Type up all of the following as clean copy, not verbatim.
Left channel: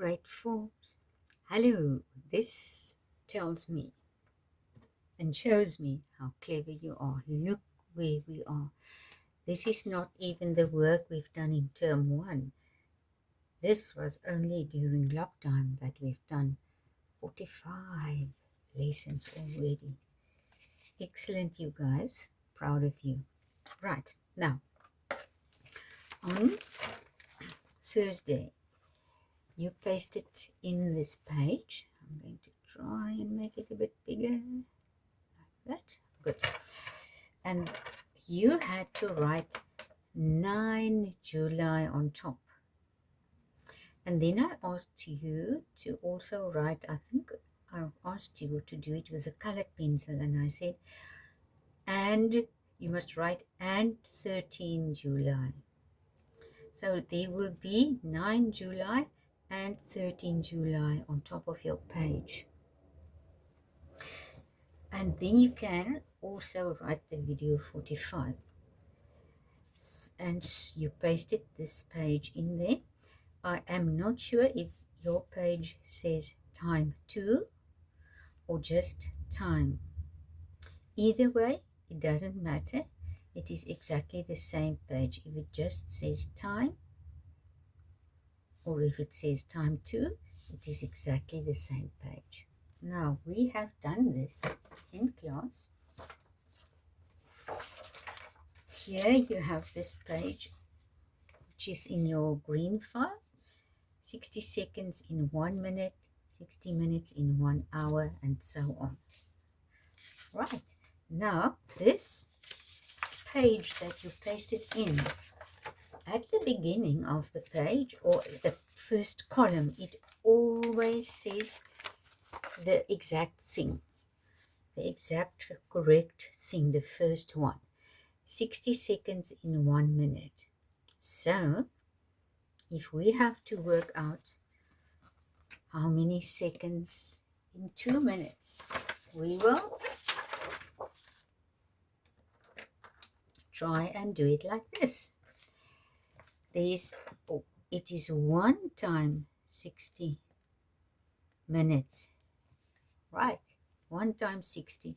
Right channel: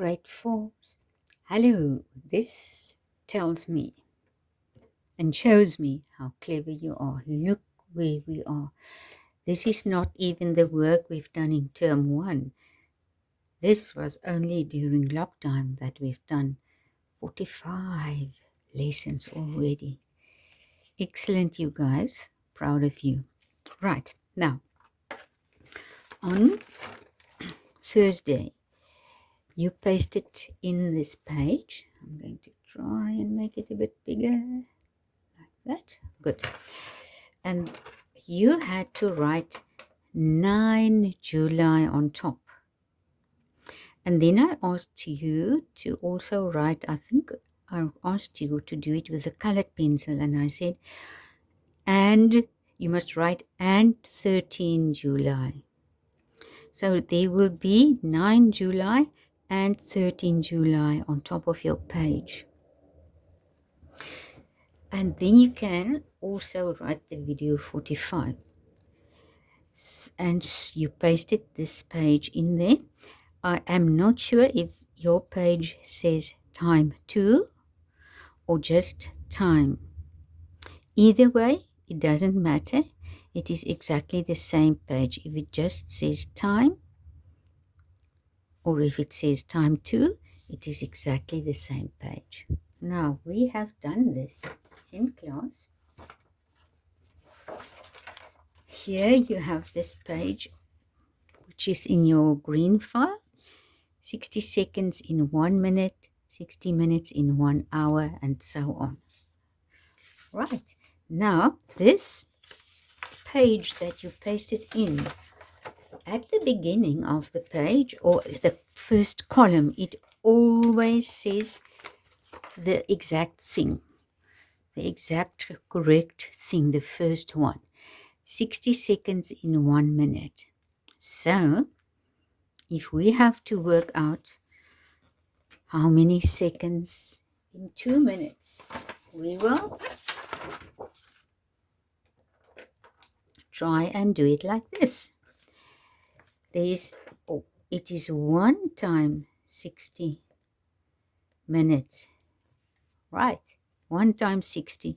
Grade 4s. Hello, this tells me and shows me how clever you are. Look where we are. This is not even the work we've done in term 1. This was only during lockdown that we've done 45 lessons already. Excellent, you guys. Proud of you. Right, now, on Thursday, you paste it in this page. I'm going to try and make it a bit bigger, like that. Good. And you had to write 9 July on top. And then I asked you to also write, I think I asked you to do it with a colored pencil, and I said, and you must write and 13 July. So there will be 9 July and 13 July on top of your page. And then you can also write the video 45. And you pasted this page in there. I am not sure if your page says time 2 or just time. Either way, it doesn't matter. It is exactly the same page. If it just says time or if it says time 2, it is exactly the same page. Now, we have done this in class. Here you have this page, which is in your green file. 60 seconds in 1 minute, 60 minutes in 1 hour, and so on. Right, now this page that you pasted in, at the beginning of the page or the first column, it always says the exact thing, the exact correct thing, the first one. 60 seconds in 1 minute. So if we have to work out how many seconds in 2 minutes, we will try and do it like this. It is 1 time 60 minutes. Right, 1 times 60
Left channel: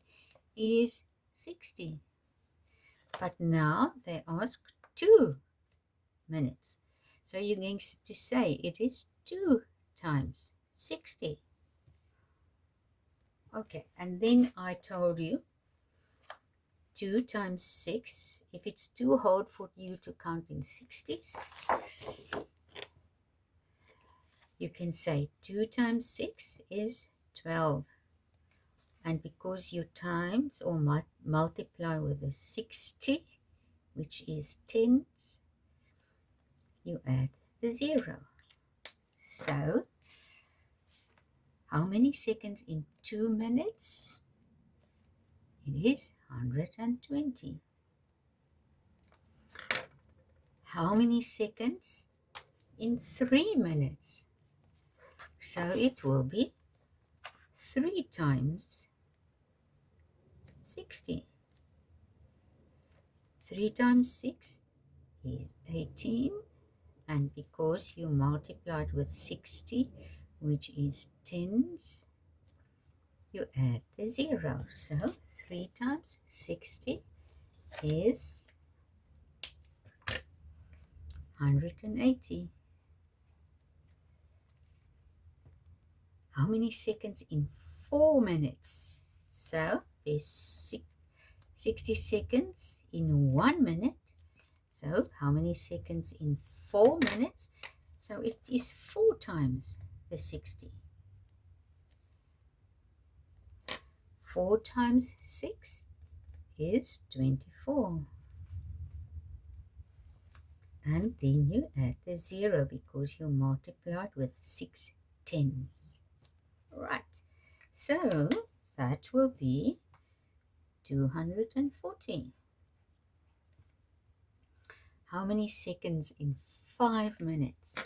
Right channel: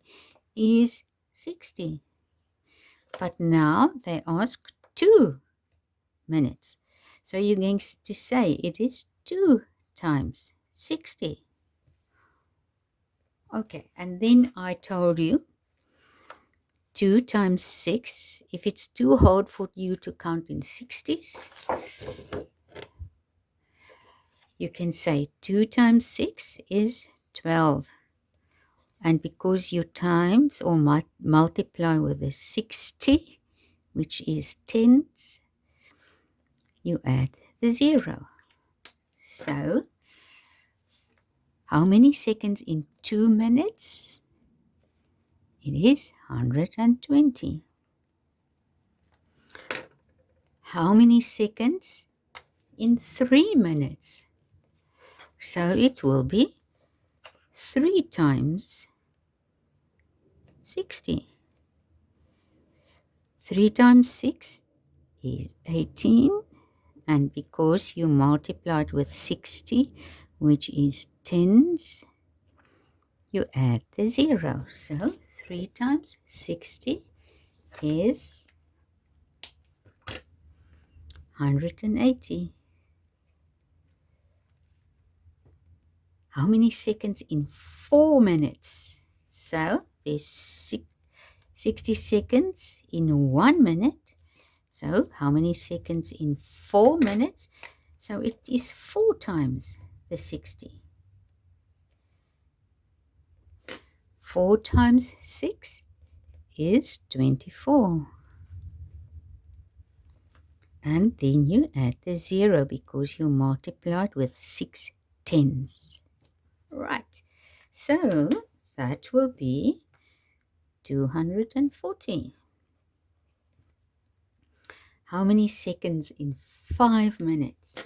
is 60. But now they ask 2 minutes. So you're going to say it is 2 times 60. Okay, and then I told you 2 times 6, if it's too hard for you to count in 60s, you can say 2 times 6 is 12. And because you times or multiply with a 60, which is tens, you add the 0. So, how many seconds in 2 minutes? It is 120. How many seconds in 3 minutes? So it will be 3 times 60. 3 times 6 is 18. And because you multiplied with 60, which is tens, you add the 0. So 3 times 60 is 180. How many seconds in 4 minutes? So there's 60 seconds in 1 minute. So how many seconds in 4 minutes? So it is 4 times the 60. 4 times 6 is 24. And then you add the 0 because you multiplied with 6 tens. Right, so that will be 240. How many seconds in 5 minutes?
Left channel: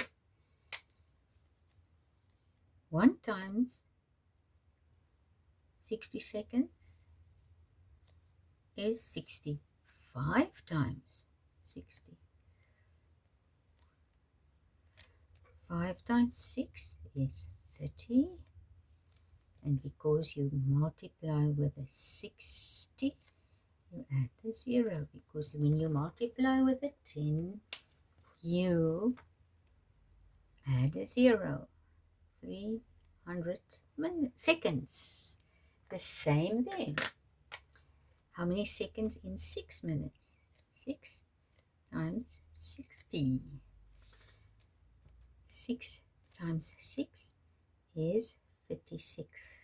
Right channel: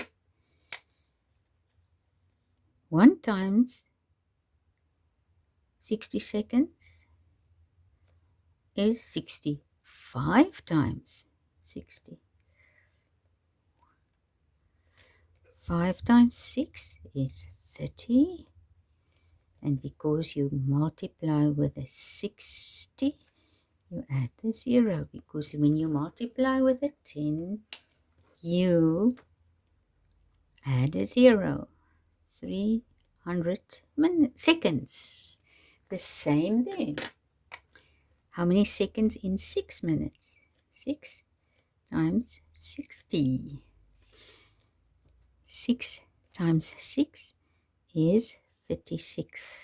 1 times 60 seconds is 60. 5 times 60. 5 times 6 is 30. And because you multiply with a 60, you add the 0. Because when you multiply with a 10, you add a 0. 300 seconds. The same there. How many seconds in 6 minutes? 6 times 60. 6 times 6 is 36.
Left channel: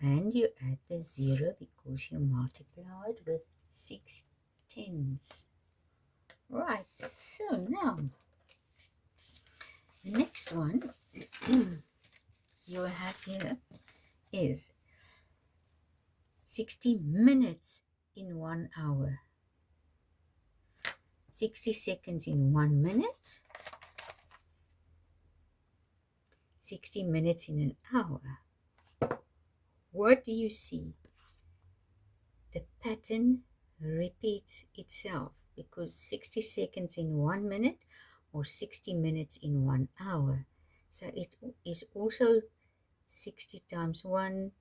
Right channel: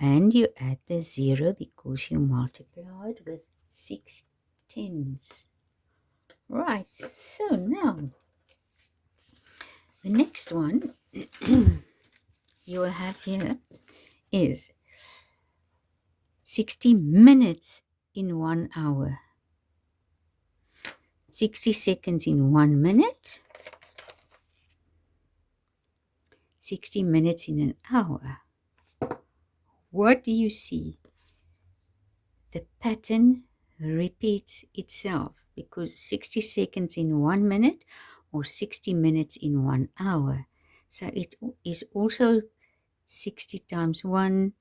And you add the 0 because you multiplied with 6 tens. Right, so now the next one you will have here is 60 minutes in 1 hour. 60 seconds in 1 minute. 60 minutes in an hour. What do you see? The pattern repeats itself because 60 seconds in 1 minute or 60 minutes in 1 hour. So it is also 60 times 1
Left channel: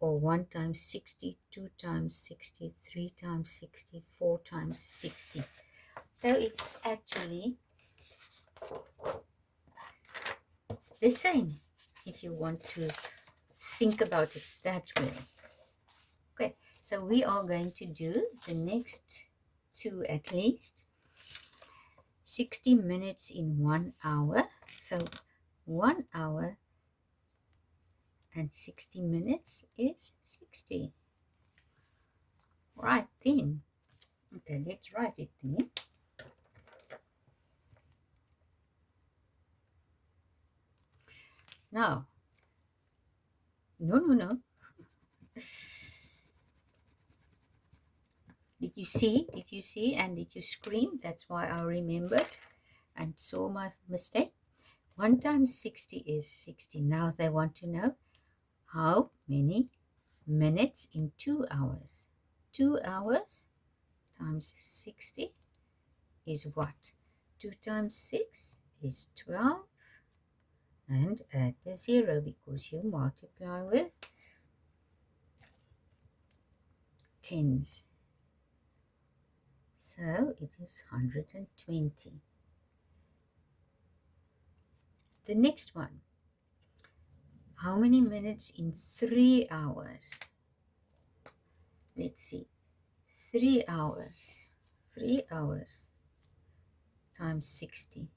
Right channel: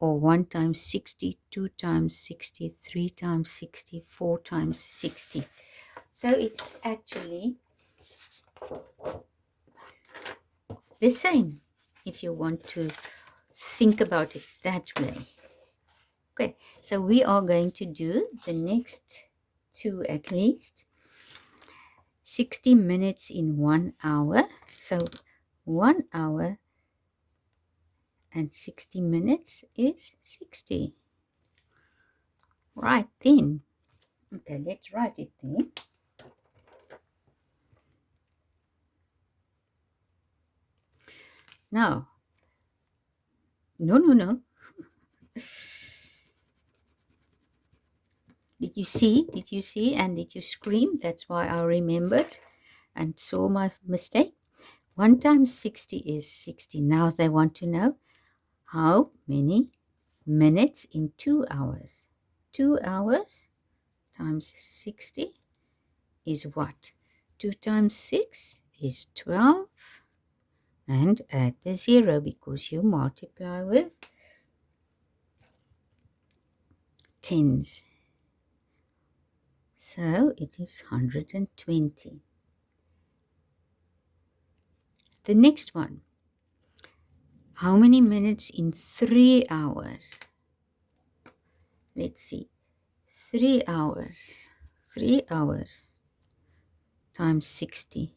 or 1 times 60, 2 times 60, 3 times 60, 4 times 60. So it's actually the same if you want to think about it that way. Okay, so we are going to do the next two at least. 60 minutes in 1 hour. So 1 hour and 60 minutes is 60. Right then. Okay, let's write it there. Now, no. Did you see? Did you see? And did you scream? That's why I remembered and saw my mistake. 1 times 60 is 60. Now they want to know how many minutes in 2 hours. 2 hours times 60 is what? 2 times 6 is 12. And add the 0 because you multiply with tens. So it is 120. The next one. How many minutes in 3 hours? Let's see. 3 hours. 3 hours times 60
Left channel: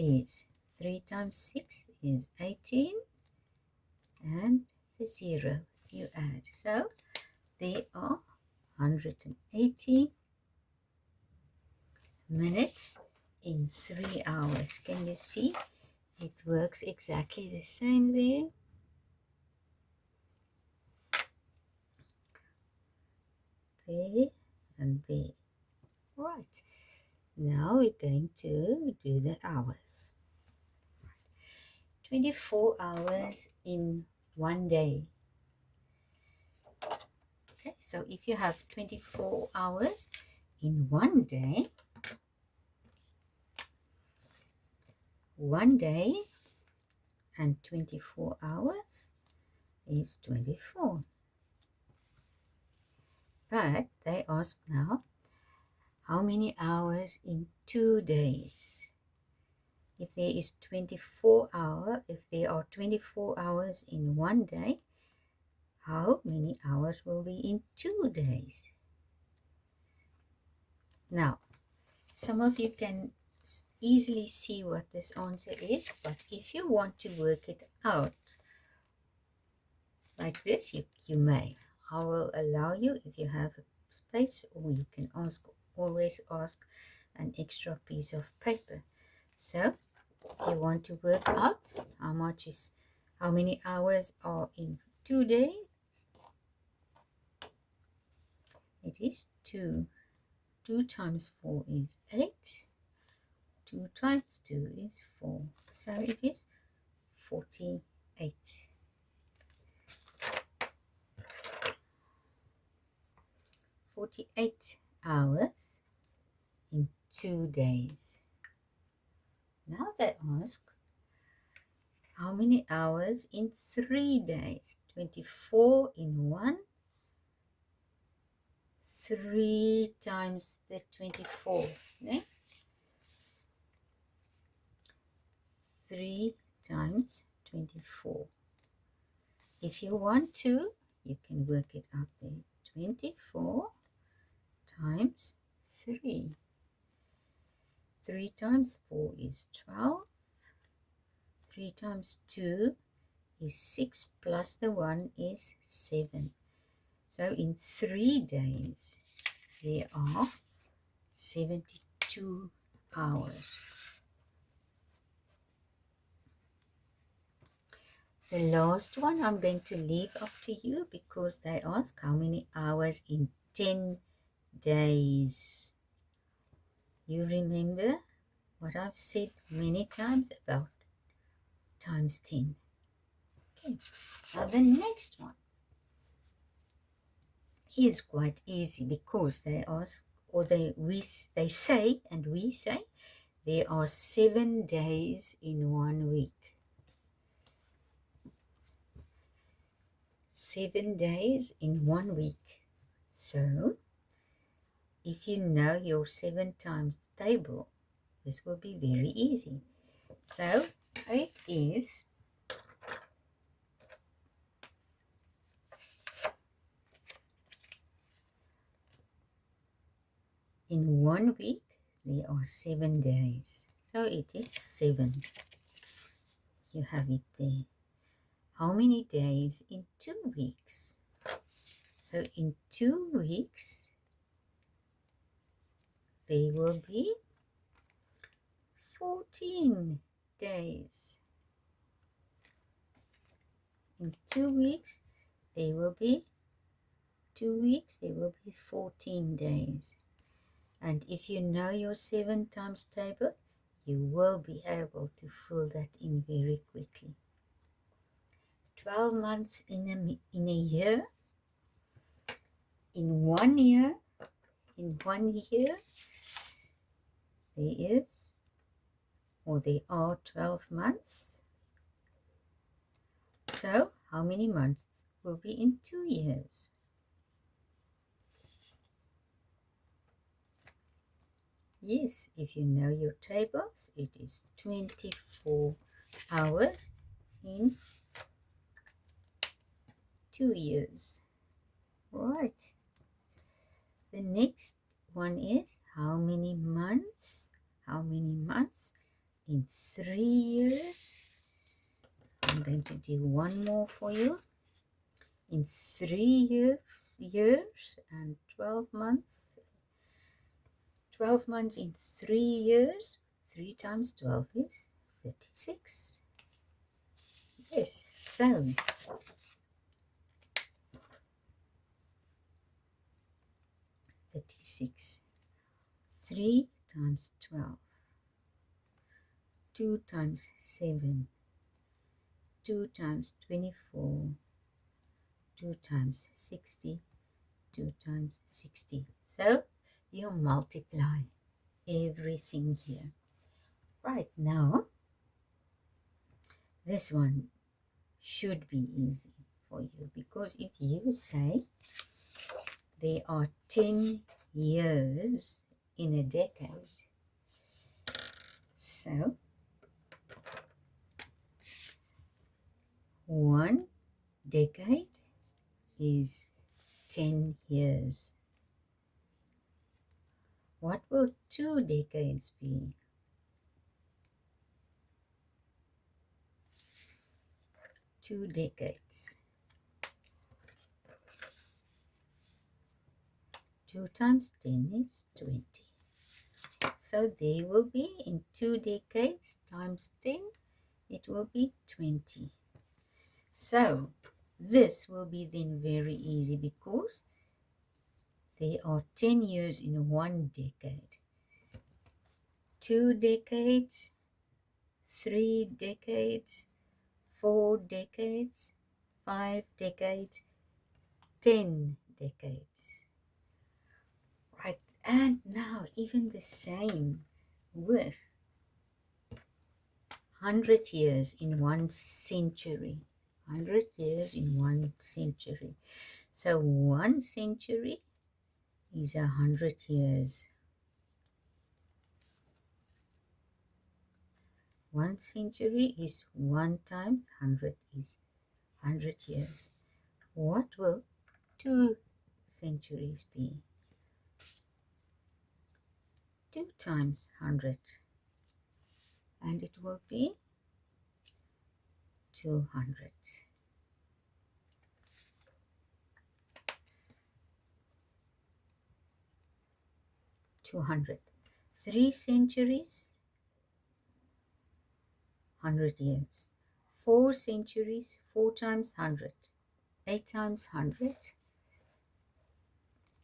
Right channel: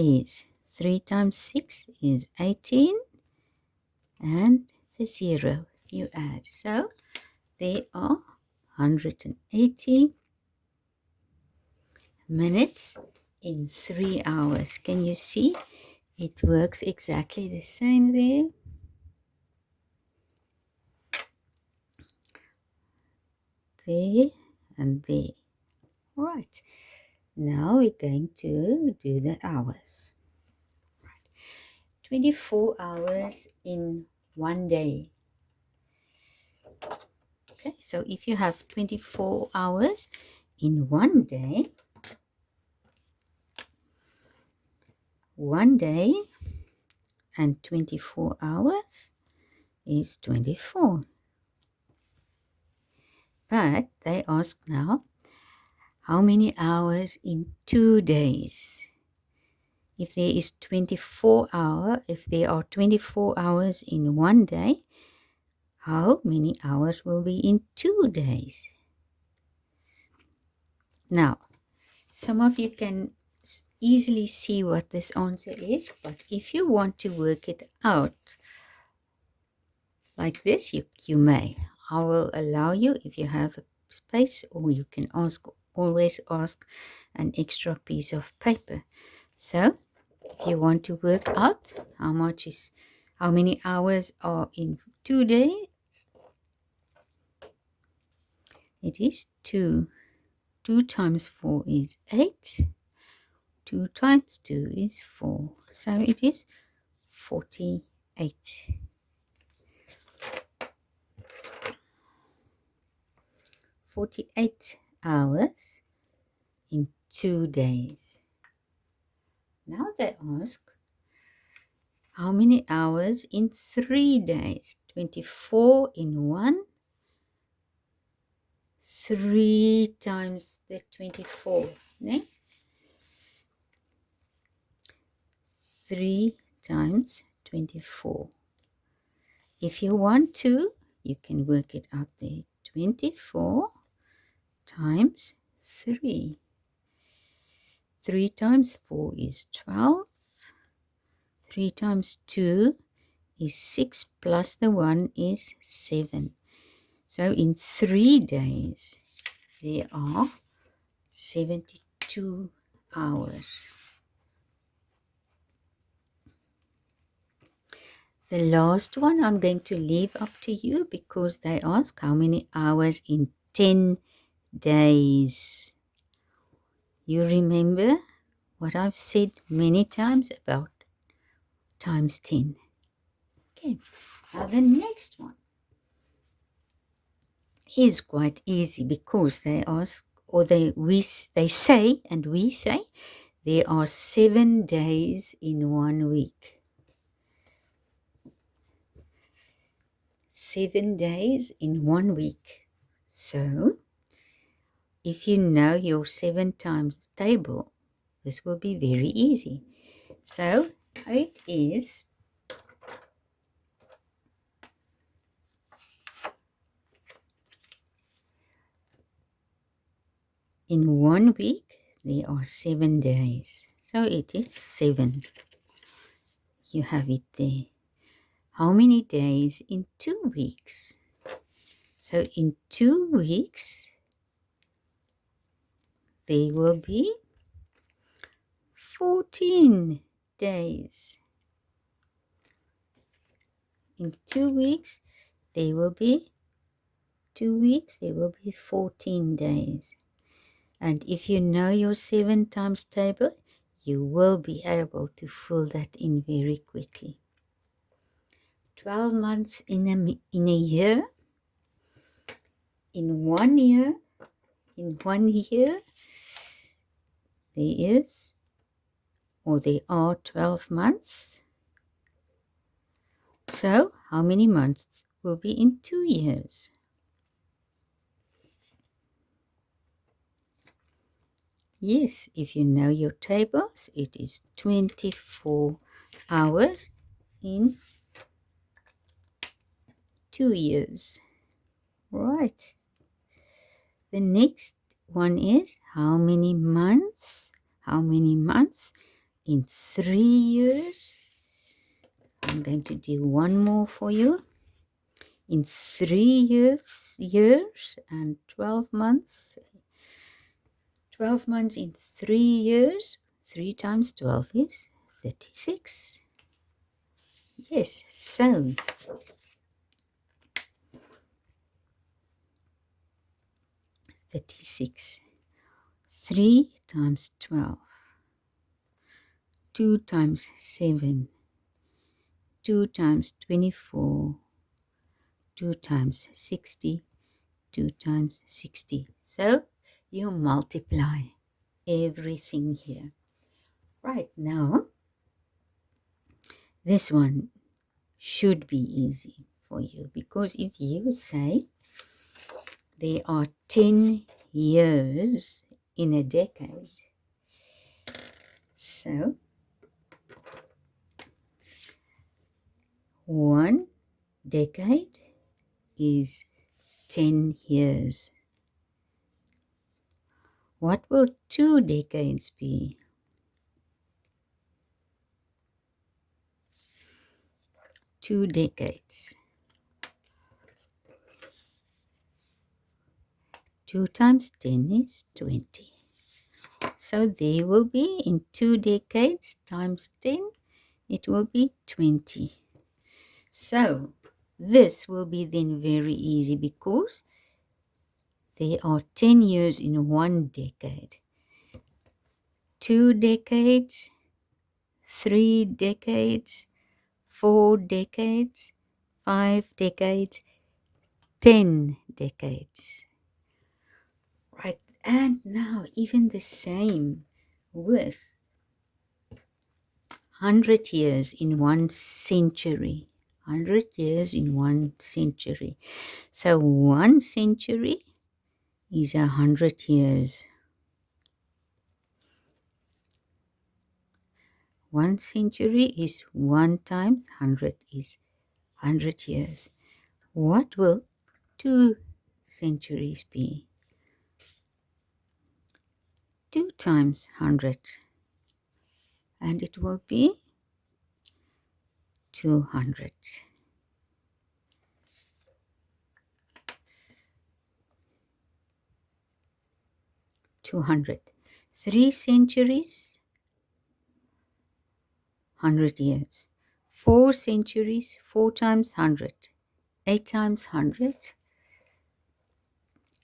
is 3 times 6 is 18. And the 0 you add. So there are 180 minutes in 3 hours. Can you see? It works exactly the same there. There and there. Right. Now we're going to do the hours. 24 hours in 1 day. Okay, so if you have 24 hours in 1 day, 1 day and 24 hours is 24. But they ask now, how many hours in 2 days? If there is 24 hours, if there are 24 hours in 1 day, how many hours will be in 2 days? Now, some of you can easily see what this answer is, but if you want to work it out like this, you may. I will allow you if you have a space, or you can always ask an extra piece of paper. So if you want to work out how many hours are in 2 days, it is 2. 2 times 4 is 8. 2 times 2 is 4. So it is 48. 48 hours in 2 days. they ask, how many hours in 3 days? 24 in 1. 3 times the 24. Ne? 3 times 24. If you want to, you can work it out there. 24 times 3. 3 times 4 is 12. 3 times 2 is 6 plus the 1 is 7. So in 3 days, there are 72 hours. The last one I'm going to leave up to you because they ask how many hours in 10 days. You remember what I've said many times about times 10. Okay, now the next one is quite easy because they ask, or they say, and we say, there are 7 days in 1 week. 7 days in 1 week. So, if you know your 7 times table, this will be very easy. So, it is in 1 week, there are 7 days. So, it is 7. You have it there. How many days in 2 weeks? So, in 2 weeks, there will be 14 days. In 2 weeks, there will be 14 days. And if you know your 7 times table, you will be able to fill that in very quickly. 12 months in a year. In 1 year, there are 12 months. So, how many months will be in 2 years? Yes, if you know your tables, it is 24 hours in 2 years. Right. The next one is how many months? How many months in 3 years? I'm going to do one more for you. In 3 years and 12 months. 12 months in 3 years. 3 times 12 is 36. Yes, so 36. 3 times 12. 2 times 7. 2 times 24. 2 times 60. 2 times 60. So you multiply everything here. Right now, this one should be easy for you because if you say there are 10 years in a decade, so 1 decade is 10 years. What will 2 decades be? 2 decades. 2 times 10 is 20. So there will be in 2 decades times 10, it will be 20. So this will be then very easy because there are 10 years in 1 decade. 2 decades, 3 decades, 4 decades, 5 decades, 10 decades. Right, and now even the same with 100 years in 1 century. 100 years in 1 century. So 1 century is 100 years. 1 century is 1 times 100 is 100 years. What will 2 centuries be? 2 times 100, and it will be 200. 200. 3 centuries, 100 years. 4 centuries, 4 times 100. 8 times 100.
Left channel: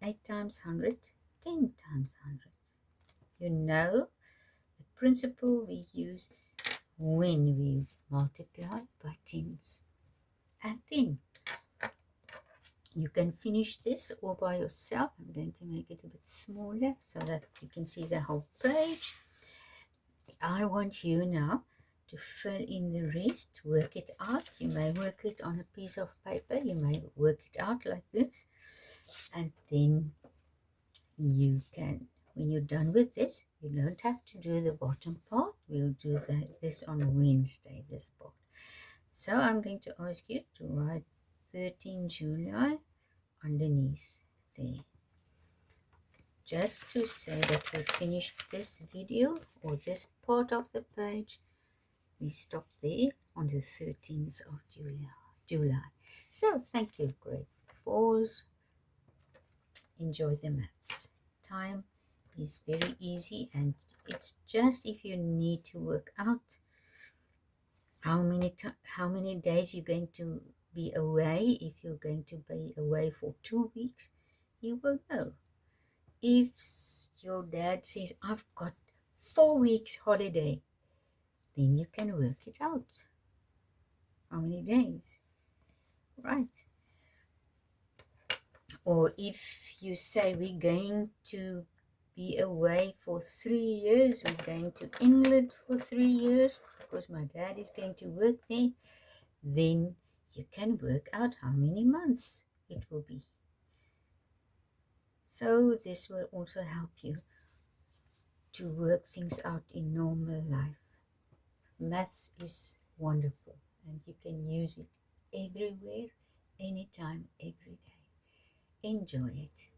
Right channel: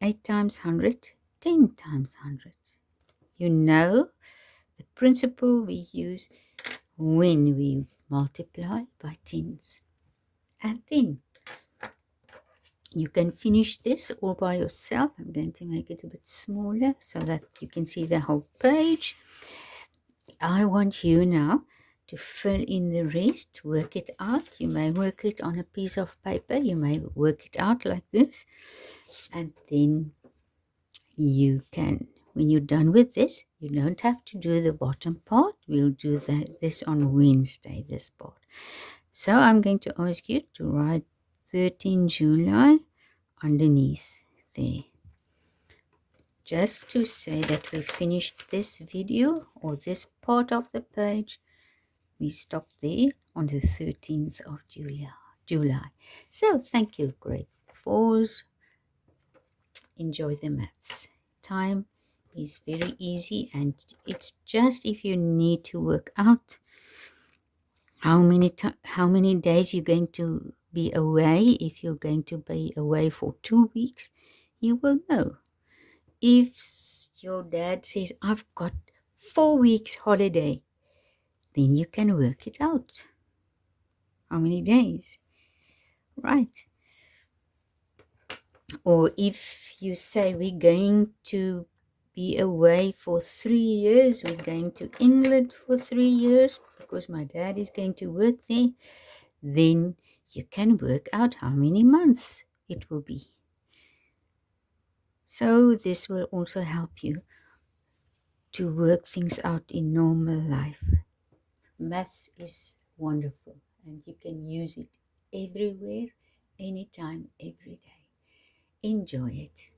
8 times 100. 10 times 100. You know the principle we use when we multiply by tens. And then you can finish this all by yourself. I'm going to make it a bit smaller so that you can see the whole page. I want you now to fill in the rest, work it out. You may work it on a piece of paper. You may work it out like this. And then you can, when you're done with this, you don't have to do the bottom part. We'll do this on Wednesday, this part. So I'm going to ask you to write 13 July underneath there. Just to say that we finished this video or this part of the page, we stop there on the 13th of July. So thank you, grade 4s. Enjoy the maths. Time is very easy, and it's just if you need to work out how many days you're going to be away. If you're going to be away for 2 weeks, you will know. If your dad says, I've got 4 weeks holiday, then you can work it out. How many days? Right. Or if you say we're going to be away for 3 years, we're going to England for 3 years because my dad is going to work there, then you can work out how many months it will be. So this will also help you to work things out in normal life. Maths is wonderful, and you can use it everywhere, anytime, every day. Enjoy it.